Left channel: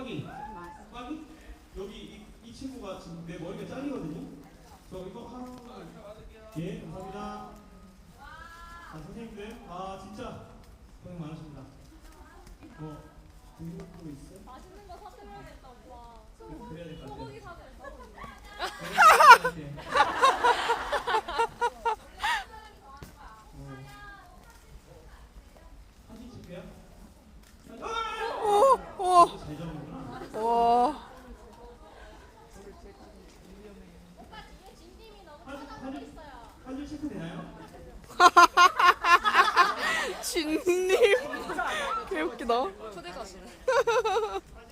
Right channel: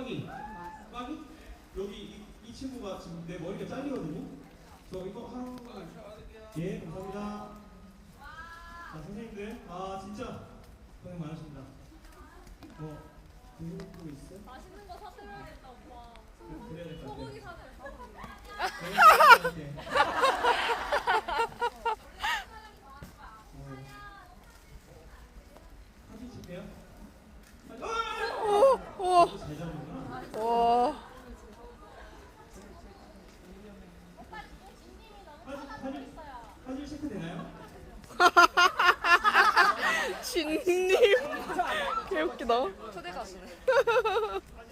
빡빡이. 빡이? 여기 이, 이 친구가 지금 내 머리가 잘리거든요. 저 이거 하러 예 감사합니다. 아, 선생님들. 아 진짜. 고생 많으십니다. 뭐 드시는 거 있어요? 맛있는 거 사서 먹야겠다 오빠 소고기 사서 먹어 오. 체크 되나요? 진님. 개웃기다. 초대 가수네.